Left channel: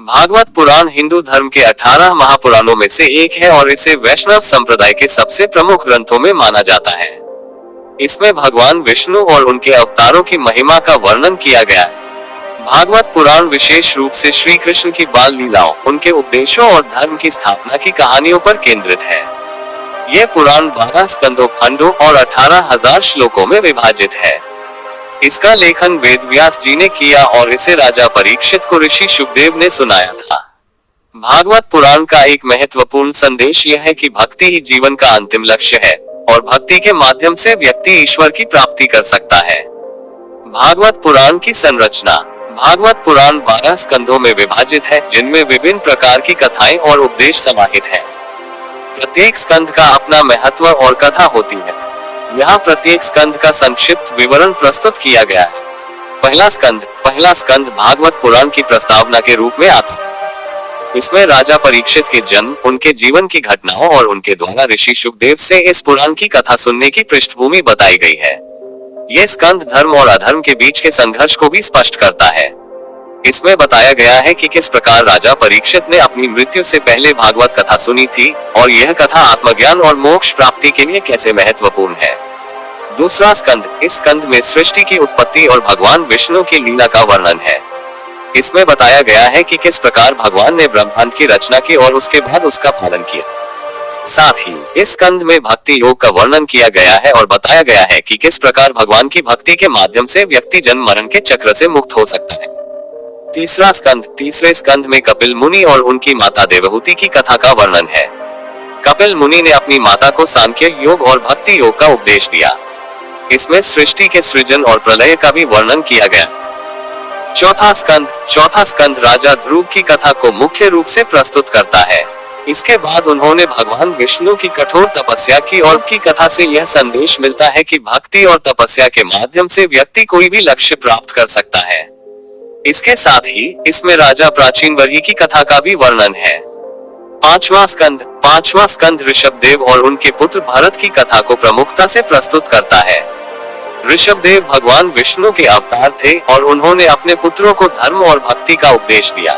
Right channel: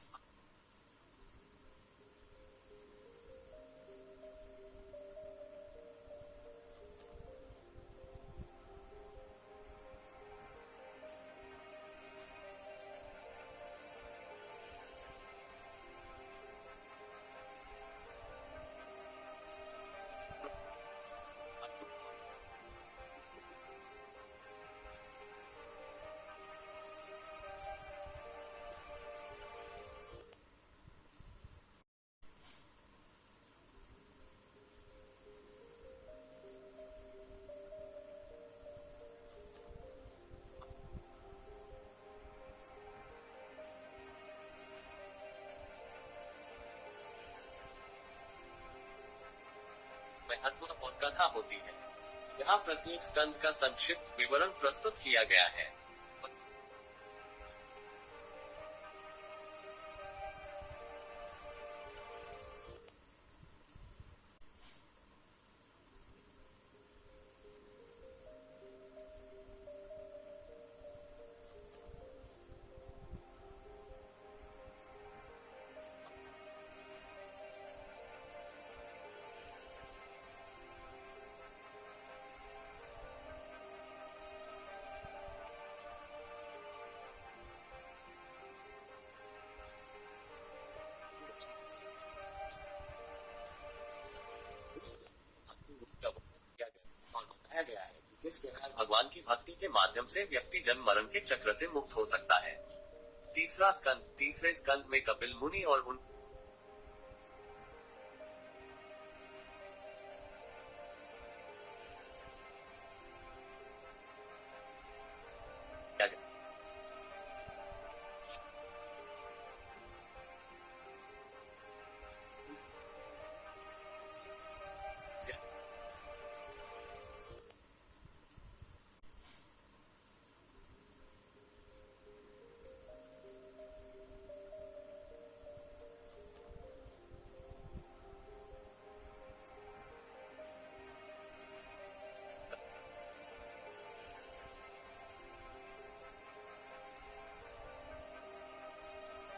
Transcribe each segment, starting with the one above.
भागवत पुराण हिंदू धर्म के 18 महापुराणों में से एक है और इसे वैष्णव संप्रदाय के सबसे प्रमुख ग्रंथों में माना जाता है। इसमें भगवान विष्णु और उनके अवतारों की महिमा का वर्णन किया गया है। भागवत पुराण विशेष रूप से श्री कृष्ण की बाल लीलाओं, उनके उपदेशों और धर्म की स्थापना की कहानियों पर केंद्रित है। यह पुराण 12 स्कंदों, खंडों और 18,000 श्लोकों में विभाजित है। इसका लेखन वेदव्यास जी ने किया और इसे राजा परीक्षित को ऋषि शुकदेव ने सुनाया था। भागवत पुराण का एक महत्वपूर्ण संदेश यह है कि भक्ति ही जीवन का अंतिम लक्ष्य है और भक्ति के माध्यम से व्यक्ति ईश्वर की प्राप्ति कर सकता है। भागवत पुराण की संरचना। भागवत पुराण 12 स्कंदों में विभाजित है, जिनमें विभिन्न प्रकार की कथाएं और उपदेश समाहित हैं। प्रत्येक स्कंद का अपना महत्व और कथा होती है। यहाँ प्रत्येक स्कंद का संक्षिप्त विवरण प्रस्तुत किया गया है। पहला स्कंद भागवत पुराण की प्रस्तावना के रूप में आता है। इसमें राजा परीक्षित के जन्म, उनके जीवन की घटनाओं और उनके द्वारा ऋषि शुकदेव से इस पुराण की कथा सुनने की पृष्ठभूमि बताई गई है। ये स्कंद धर्म और अधर्म के बीच के संघर्ष को भी स्पष्ट करता है। इसमें बताया गया है कि किस प्रकार राजा परीक्षित ने अपनी मृत्यु से पहले भागवत कथा सुनी थी और यह कथा आत्मज्ञान और मोक्ष प्राप्ति के लिए कैसे महत्वपूर्ण है। दूसरा स्कंद। इस स्कंद में सृष्टि की उत्पत्ति और भगवान विष्णु की लीला का वर्णन है। इसमें बताया गया है कि किस प्रकार भगवान ने ब्रह्मांड की रचना की और उसके बाद उसका पालन किया। साथ ही इस स्कंद में भक्ति योग का वर्णन किया गया है और बताया गया है कि किस प्रकार भगवान की भक्ति के माध्यम से व्यक्ति जन्म मरण के चक्र से मुक्त हो सकता है। तीसरा स्कंद। तीसरे स्कंद में कपिल मुनि और उनकी माता देवहूति की कथा का वर्णन है। कपिल मुनि ने अपनी माता को सांख्य योग और भक्ति योग का उपदेश दिया। इसमें सृष्टि के सृजन और प्रलय का भी वर्णन किया गया। चौथा स्कंद राजा ध्रुव की कथा को मुख्य रूप से प्रस्तुत करता है। इसके बाद उन्होंने भगवान विष्णु की कठोर तपस्या की और की कथा से यह संदेश मिलता है कि भक्ति और तपस्या के माध्यम से व्यक्ति कोई भी लक्ष्य प्राप्त कर सकता है। इसके साथ ही इसमें राजा प्राचीन वरही की कथा का भी वर्णन है। पांचवा स्कंद ऋषभदेव और उनके पुत्र भरत की कथा को प्रमुखता से प्रस्तुत करता है। ऋषभदेव भगवान विष्णु के अवतार थे और उन्होंने अपने पुत्रों को धर्म और भक्ति का उपदेश दिया।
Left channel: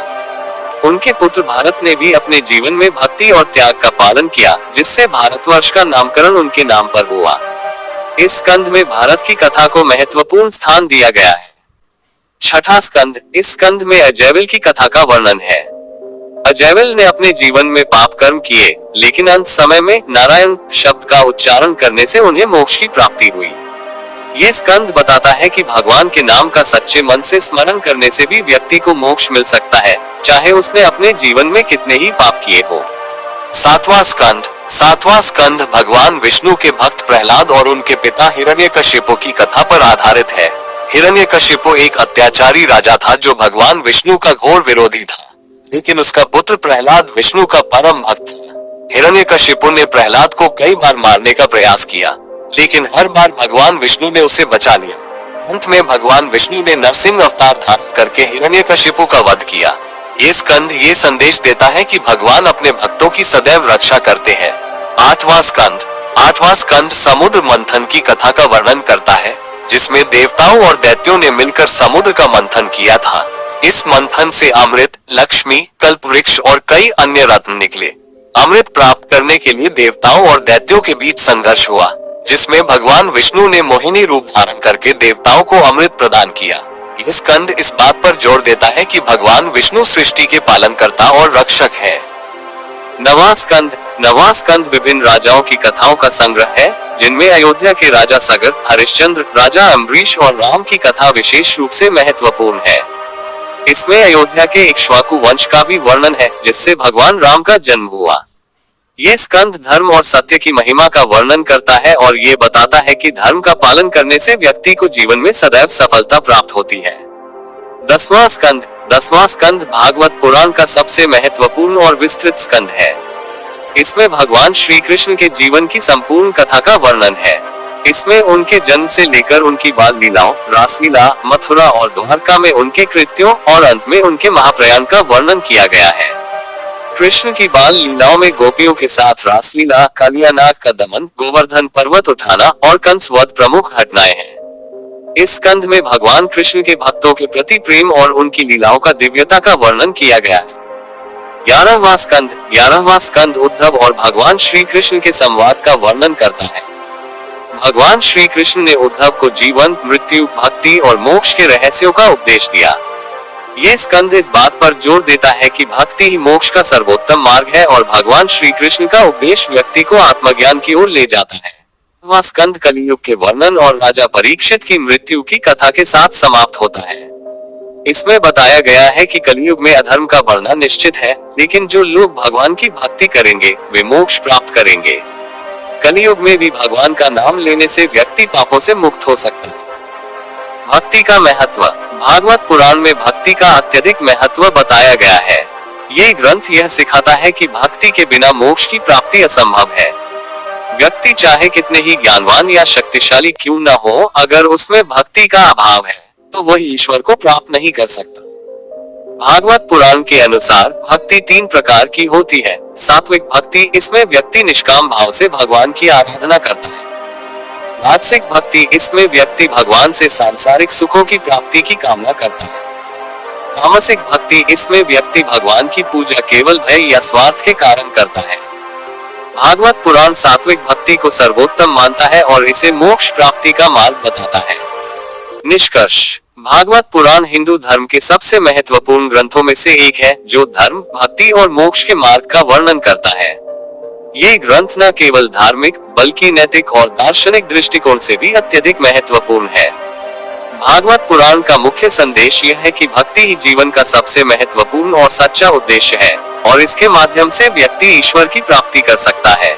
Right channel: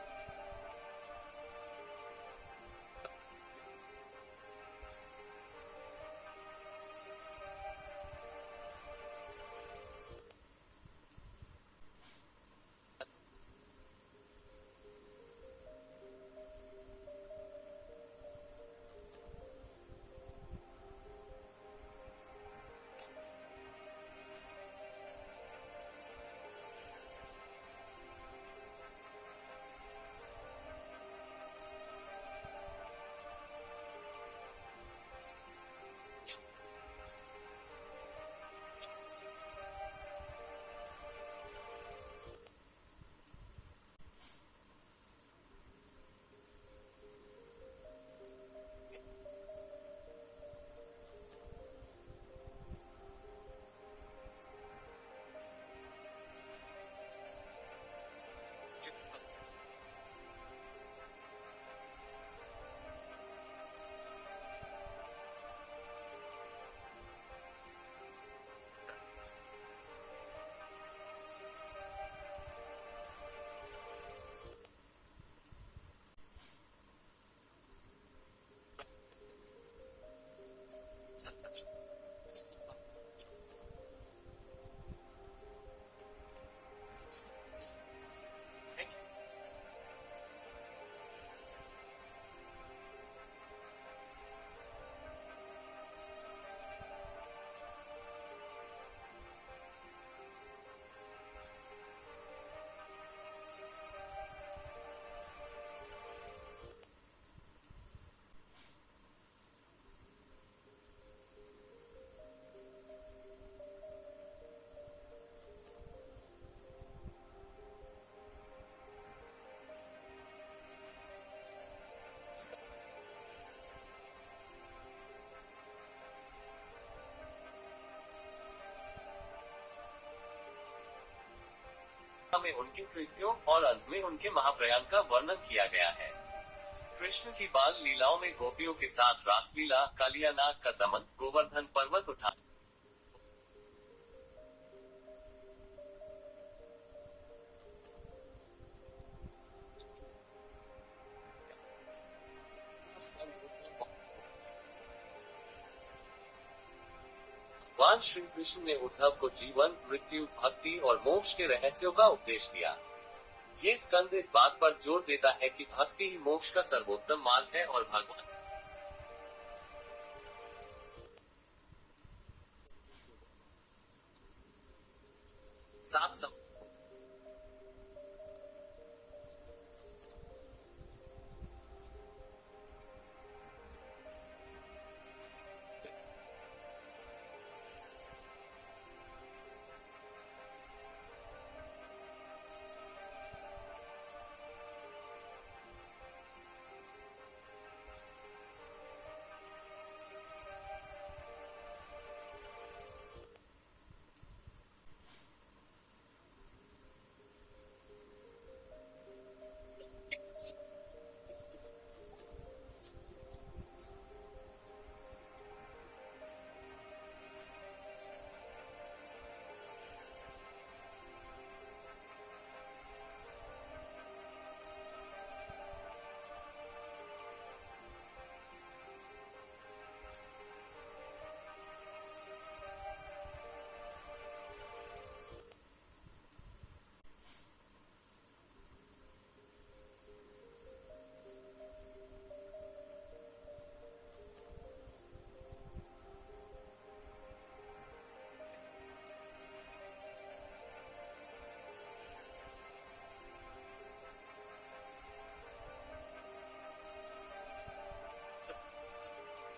उनके पुत्र भारत ने भी अपने जीवन में भक्ति और त्याग का पालन किया, जिससे भारतवर्ष का नामकरण उनके नाम पर हुआ। इस स्कंद में भारत की कथा को महत्वपूर्ण स्थान दिया गया है। छठा स्कंद। इस स्कंद में अजैविल की कथा का वर्णन है। अजैविल ने अपने जीवन में पाप कर्म किए, लेकिन अंत समय में नारायण शब्द का उच्चारण करने से उन्हें मोक्ष की प्राप्ति हुई। ये स्कंद बताता है कि भगवान के नाम का सच्चे मन से स्मरण करने से भी व्यक्ति को मोक्ष मिल सकता है, चाहे उसने अपने जीवन में कितने ही पाप किए हो। सातवां स्कंद भगवान विष्णु के भक्त प्रहलाद और उनके पिता हिरण्यकशिपु की कथा पर आधारित है। हिरण्यकशिपु एक अत्याचारी राजा था जो भगवान विष्णु का घोर विरोधी था, लेकिन उसका पुत्र प्रहलाद विष्णु का परम भक्त था। हिरण्यकशिपु ने प्रहलाद को कई बार मारने का प्रयास किया, लेकिन हर बार भगवान विष्णु ने उसे बचा लिया। अंत में भगवान विष्णु ने नरसिंह अवतार धारण करके हिरण्यकशिपु का वध किया। ये स्कंद ये संदेश देता है कि भगवान अपने भक्तों की सदैव रक्षा करते हैं। आठवां स्कंद समुद्र मंथन की कथा का वर्णन करता है, जिसमें देवताओं और दैत्यों ने मिलकर समुद्र का मंथन किया था। इस मंथन से अमृत, लक्ष्मी, कल्प वृक्ष और कई अन्य रत्न निकले। अमृत प्राप्त करने के लिए देवताओं और दैत्यों के बीच संघर्ष हुआ, जिसमें भगवान विष्णु ने मोहिनी रूप धारण करके देवताओं को अमृत प्रदान किया। यह स्कंद इस बात पर जोर देता है कि भगवान विष्णु सृष्टि के पालनकर्ता और रक्षक है। नवां स्कंद विभिन्न राजाओं की कथाओं का संग्रह है, जिनमें अयोध्या के राजा सगर, हरिश्चंद्र, राजा अम्बरीश और राम की कथा विशेष रूप से महत्वपूर्ण है। इसमें अयोध्या के इक्ष्वाकु वंश का भी वर्णन है, जिससे भगवान राम का जन्म हुआ। ये स्कंद धर्म और सत्य की महिमा का वर्णन करता है और ये बताता है कि धर्म का पालन करने से व्यक्ति को जीवन में सदैव सफलता प्राप्त होती है। 10वां स्कंद भागवत पुराण का सबसे महत्वपूर्ण और विस्तृत स्कंद है। इसमें भगवान श्री कृष्ण के जीवन की संपूर्ण कथा का वर्णन है। इसमें उनके जन्म से लेकर उनकी बाल लीलाओं, रासलीला, मथुरा और द्वारका में उनके कृत्यों और अंत में उनके महाप्रयाण का वर्णन किया गया है। कृष्ण की बाल लीलाओं में गोपियों के साथ रासलीला, कालियानाग का दमन, गोवर्धन पर्वत उठाना और कंस वध प्रमुख घटनाएं हैं। इस स्कंध में भगवान कृष्ण के भक्तों के प्रति प्रेम और उनकी लीलाओं का दिव्यता का वर्णन किया गया है। 11वां स्कंध उद्धव और भगवान श्री कृष्ण के संवाद का वर्णन करता है। भगवान श्री कृष्ण ने उद्धव को जीवन, मृत्यु, भक्ति और मोक्ष के रहस्यों का उपदेश दिया। ये स्कंध इस बात पर जोर देता है कि भक्ति ही मोक्ष का सर्वोत्तम मार्ग है और भगवान श्री कृष्ण का उपदेश व्यक्ति को आत्मज्ञान की ओर ले जाता है। वह स्कंध कलियुग के वर्णन और राजा परीक्षित की मृत्यु की कथा के साथ समाप्त होता है। इसमें बताया गया है कि कलियुग में अधर्म का बढ़ना निश्चित है, लेकिन जो लोग भगवान की भक्ति करेंगे वे मोक्ष प्राप्त करेंगे। कलियुग में भी भगवान का नाम लेने से व्यक्ति पापों से मुक्त हो सकता है। भक्ति का महत्व। भागवत पुराण में भक्ति का अत्यधिक महत्व बताया गया है। ये ग्रंथ यह सिखाता है कि भक्ति के बिना मोक्ष की प्राप्ति असंभव है। व्यक्ति चाहे कितने ही ज्ञानवान या शक्तिशाली क्यों न हो, अगर उसमें भक्ति का अभाव है तो वह ईश्वर को प्राप्त नहीं कर सकता। भागवत पुराण के अनुसार भक्ति 3 प्रकार की होती है। सात्विक भक्ति, इसमें व्यक्ति निष्काम भाव से भगवान की आराधना करता है। राजसिक भक्ति, इसमें व्यक्ति भगवान से सांसारिक सुखों की प्राप्ति की कामना करता है। तामसिक भक्ति, इसमें व्यक्ति भगवान की पूजा केवल भय या स्वार्थ के कारण करता है। भागवत पुराण सात्विक भक्ति को सर्वोत्तम मानता है और इसे मोक्ष प्राप्ति का मार्ग बताता है। निष्कर्ष। भागवत पुराण हिंदू धर्म के सबसे महत्वपूर्ण ग्रंथों में से एक है, जो धर्म, भक्ति और मोक्ष के मार्ग का वर्णन करता है। ये ग्रंथ न केवल धार्मिक बल्कि नैतिक और दार्शनिक दृष्टिकोण से भी अत्यधिक महत्वपूर्ण है। भागवत पुराण का मुख्य संदेश यह है कि भक्ति ही जीवन का सबसे महत्वपूर्ण और सच्चा उद्देश्य है और इसके माध्यम से व्यक्ति ईश्वर की प्राप्ति कर सकता है।